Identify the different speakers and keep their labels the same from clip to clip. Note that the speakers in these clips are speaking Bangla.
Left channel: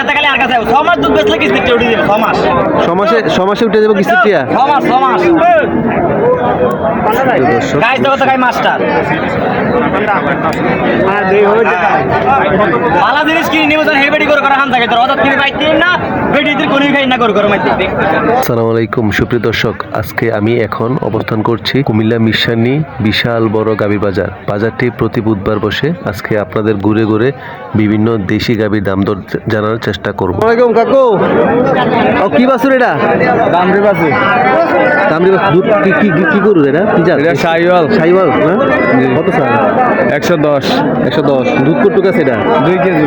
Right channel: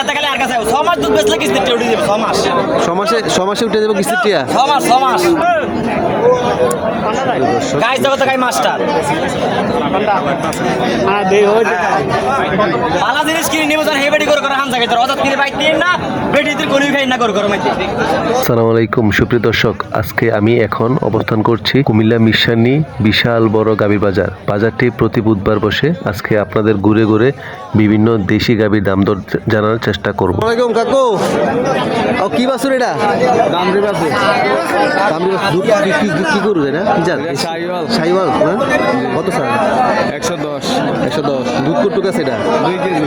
Speaker 1: atácale আর কাছে ছ মাস দুধ বেচলে কিস্তিটা উঠে দেবে ছ মাস।
Speaker 2: সমাসে সমাসে উঠে যাব কিস্তির
Speaker 1: ছ মাস ছ মাস। গাই জগতে গাই মাস্টার পালা জিনিস কিনে নিবে যখন হেবেডি করে করে হান জায়গায় তোর কিনে পাইতি না বেডিতে কোনো খাই না করে করে মাইতি।
Speaker 2: সালাম আলাইকুম সুপ্রিয় দর্শক আজকে আমি এখন অবস্থান করছি কুমিল্লা মিশানি বিশাল বড় গাভীর বাজার। বাজারটি প্রতি বুধবার বসে আজকে আপনাদের ঘুরে ঘুরে বিভিন্ন দেশি গাভীর দাম দর জানার চেষ্টা করব। ওয়ালাইকুম কাকু। ও কি বাসুর এটা?
Speaker 3: দামরি পাশে
Speaker 2: দামরি দুধ কি কি কি- গরু এটা? কি জাত
Speaker 3: এটা সাইওয়াল
Speaker 2: সাইওয়াল কত স্যার
Speaker 3: একশো দশ।
Speaker 2: একশো দশ। দুধ কটুক আছে এটা
Speaker 3: দুই কেজি।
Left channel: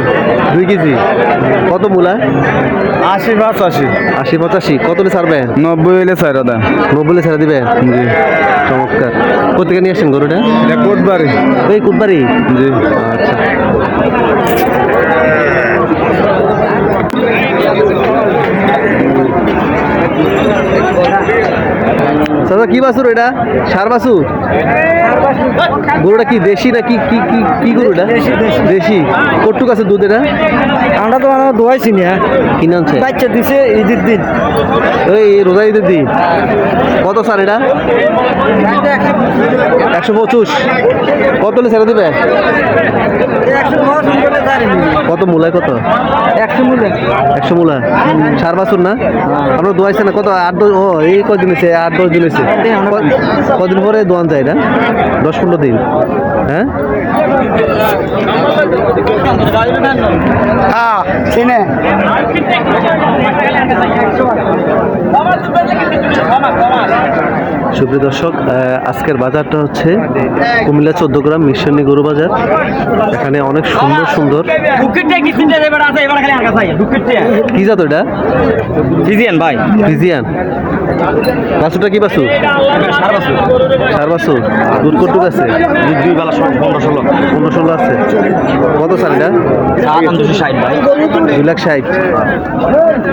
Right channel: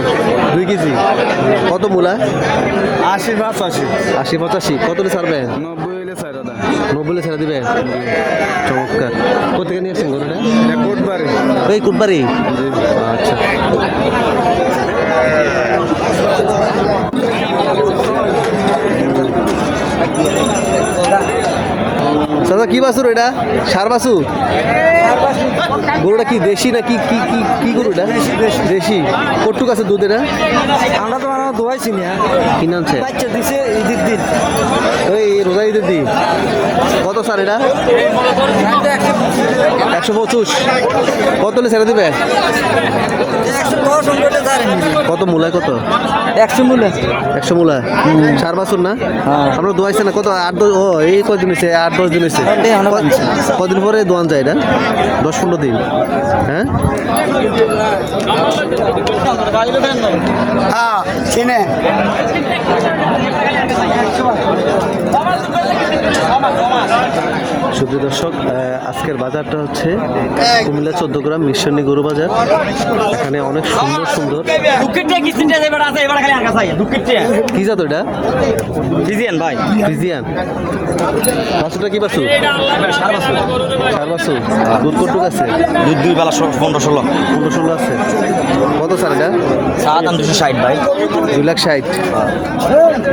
Speaker 2: দুই কেজি। কত মূলা?
Speaker 3: আশি পাঁচ আশি।
Speaker 2: আশি পঁচাশি। কত হলে ছাড়বে?
Speaker 3: নব্বই হইলে চার দা
Speaker 2: নব্বই ছেড়ে দিবে?
Speaker 3: জি।
Speaker 2: চমৎকার। কোথেকে নিয়ে গরুটা?
Speaker 3: এটা কোটবাড়ি।
Speaker 2: এই কুটবাড়ি?
Speaker 3: জি।
Speaker 2: আচ্ছা দাদা কি বাছুর এটা সার বাছুর গরুটা কি দেশি না কি কি কি কি গরু এটা দেশি দেশি। দেশি। কটুক আছে দুধ এটা?
Speaker 4: আমরা তো মানে দোয়াইছি না
Speaker 2: কিনে আনছে?
Speaker 4: বাচ্চা দিছে ঈদের দিন।
Speaker 2: এই রোজা ঈদের দিন। কত স্যার এটা? একশো পঁচিশ। কত হলে ছেড়ে দেবে? কত মূলায় কত?
Speaker 4: একশো মিলে
Speaker 2: একশো মূলা সার বাছুর না? আমরা দোয়াইছে না। কত? আট দশ ও এই কদিন হয়েছে? আট দশ দিন হয়েছে। কদিন পরে দোয়ান যায় না? দশ পনেরো দিন। হ্যাঁ?
Speaker 4: শুনে
Speaker 2: সুপ্রিয় দর্শক আজকের বাজারটা হচ্ছে কুমিল্লা চোদ্দ গ্রাম মিশনী গরু বাজার। এখানে অনেক সুন্দর সুন্দর কি জাত এটা?
Speaker 1: ফিজিয়ান ভাই।
Speaker 2: ফ্রিজিয়ান। বাছুরটা কি
Speaker 1: সার বাসু
Speaker 2: সার বাছুর। দুধ কটুক আছে?
Speaker 1: দুই বেলা পনেরো ষোলো।
Speaker 2: পনেরো ষোলো আছে। কত সার এটা
Speaker 1: চা দাম দুশো ষাট ভাই।
Speaker 2: দুই লাখ ষাট।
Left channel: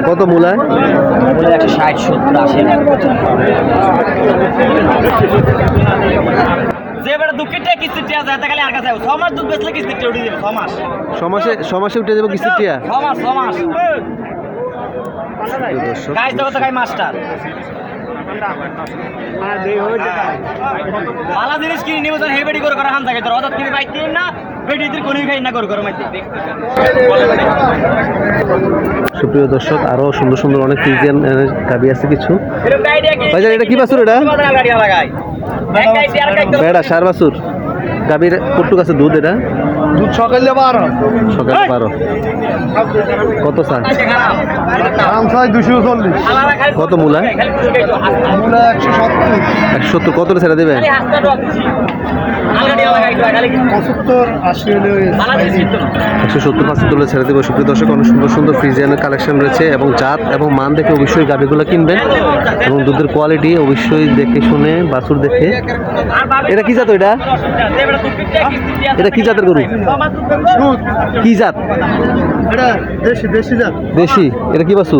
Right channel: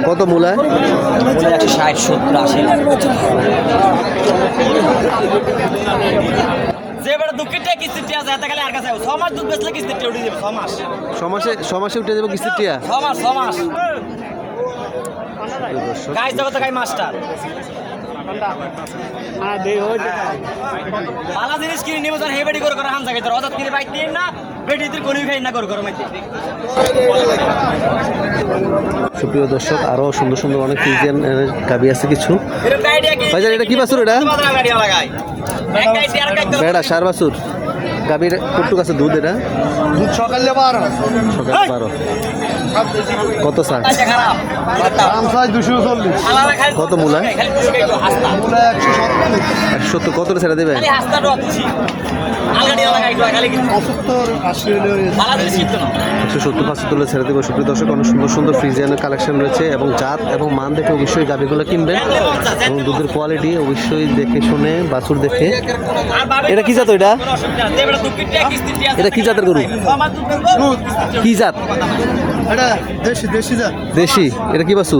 Speaker 2: কত মূলায়?
Speaker 1: একশো ষাট সত্তর আশি যে বেটা কিস্তির টিয়া যাতে খালি আর কাছে ছ মাস দুধ বেচলে কিস্তিটা উঠে দেবে ছ মাস।
Speaker 2: সমাসে সমাসে উঠে যাব কিস্তির টিয়া?
Speaker 1: ছ মাস ছ মাস। গাই জগতে গাই মাস্টার। পালা জিনিস কিনে যখন হেবেডি করে করে হান জায়গায় তোর কিনে না বেডিতে কোনো খাই না করে করে
Speaker 2: সুপ্রিয় দর্শক আরও সুন্দর সুন্দর অনেক গাবি আছে কিছু। ভাইজান, এটা কি বাছুর এটা? বেড়া সার বাছুর গাবির কটুক আছে দুধ এটা।
Speaker 4: দুধ সকালে বারো
Speaker 2: সকাল বারো কত সার?
Speaker 4: দাম ছয় দুশো চল্লিশ।
Speaker 2: কত মূলা
Speaker 4: মূলা একশো সত্তর
Speaker 2: কত ছেড়ে দেবে
Speaker 4: পঁচাত্তর
Speaker 2: একশো সত্তর পাঁচশো তুলে ছেড়ে দেবে। সুপ্রিয় দর্শক অনেক সুন্দর সুন্দর ফ্রিজিয়ানের কালেকশন রয়েছে এবং জাত এবং মান দেখে অবশ্যই গাবিগুলো কিনবেন। এবং দুধের কোয়ালিটি অবশ্যই দেখে শুনে বাছুর দেখে। এটা কি জাত এটা? এটা কি জাতের গরু? কি জাত?
Speaker 4: দেশি দেশি যান
Speaker 2: দেশি এটা কি বাছু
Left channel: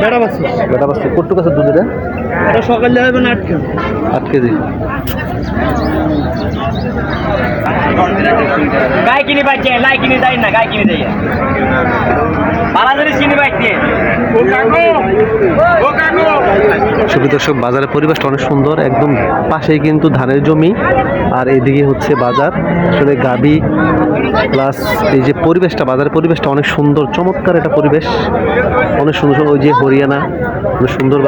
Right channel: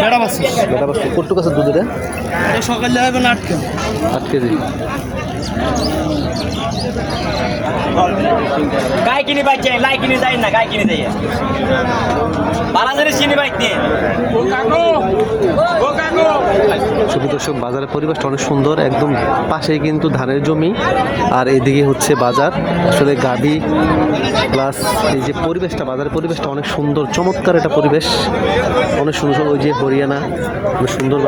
Speaker 4: বেড়া বাসি
Speaker 2: বেটা বাছু কটুক আছে দুধ এটা?
Speaker 4: এটা সকালে হবে না আটকে
Speaker 2: আট কেজি।
Speaker 1: গাই কিনে পাইছে লাই কিনে যাই না গাই কিনে যাই। কিনে পাইতে
Speaker 2: দর্শক বাজারের পরিবেশটা অনেক সুন্দর একদম পাশেই কিন্তু ধানের জমি আর এদিকে হচ্ছে বাজার। আসলে গাবি প্লাস এই যে পরিবেশটা বাজারের পরিবেশটা অনেক সুন্দর, চমৎকার একটা পরিবেশ। অনেক সুন্দর ওই যে হরিয়ানা, অনেক সুন্দর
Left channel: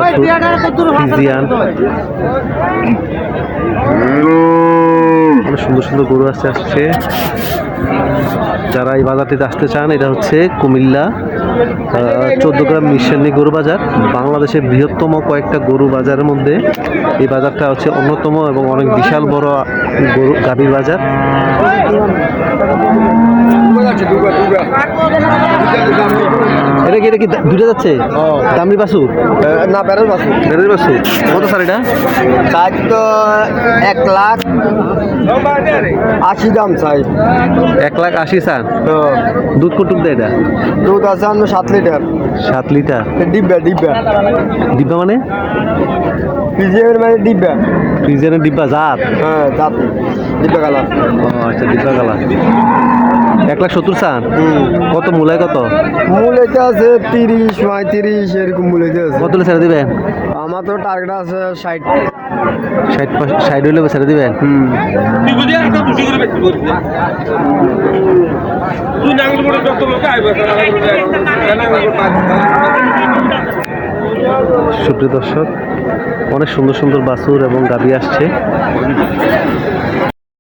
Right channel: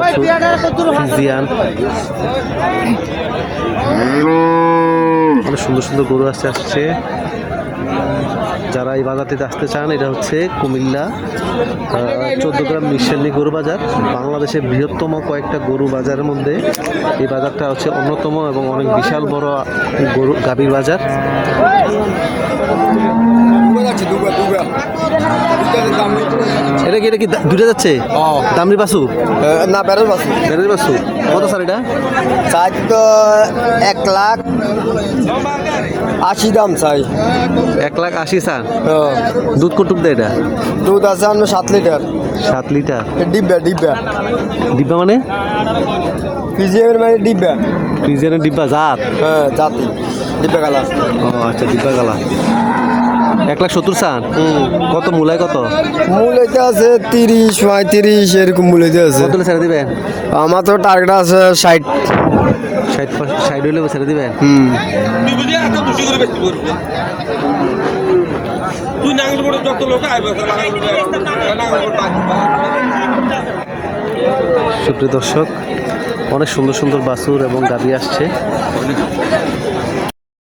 Speaker 2: অনেক সুন্দর সুন্দর গরু আসছে আসছে। যারা এই বাজারটিতে আসতে চান এটা হচ্ছে কুমিল্লা চোদ্দ গ্রাম মিশালি গরু বাজার বাংলাদেশের বৃহত্তম কয়েকটা গরু বাজারের মধ্যে। এই বাজারটা হচ্ছে অন্যতম এবং অনেক বিশাল বড় গরু গাভীর বাজার। এটা কি এটা কি দুটো যাচ্ছে? দামরি বাসু
Speaker 4: না বেড়া বাসি
Speaker 2: বেড়ের বাসু কত স্যার এটা?
Speaker 4: চাই তো এক লাখ আশি দাম চাই।
Speaker 2: এক লাখ আশি স্যার। দুধ দেয় এটা?
Speaker 4: দুধ আছে আমি সাত লিটার।
Speaker 2: সাত লিটার?
Speaker 4: ডিব্বা ডিব্বা।
Speaker 2: ডিব্বা মানে?
Speaker 4: পিজিএমের মানে ডিব্বা।
Speaker 2: ফ্রিজিয়ানের ডিব্বা জাত?
Speaker 4: হ্যাঁ জাতি। ডিব্বা কালার।
Speaker 2: ও আচ্ছা ডিব্বা গালা এক লাখ সত্তর চান কত মূলায় কত?
Speaker 4: মূল্যতে আছে তিরিশ পঁয়ত্রিশ এরকম মূল্যতে আছে।
Speaker 2: কত ছেড়ে দিবেন
Speaker 4: আমার তো টার্গেট আছে ষাট।
Speaker 2: ষাট ষাট হইলে ছেড়ে দিবেন?
Speaker 4: হুম।
Speaker 2: সুপ্রিয় দর্শক অনেক সুন্দর সুন্দর বাসুর এবং গাবি আসছে।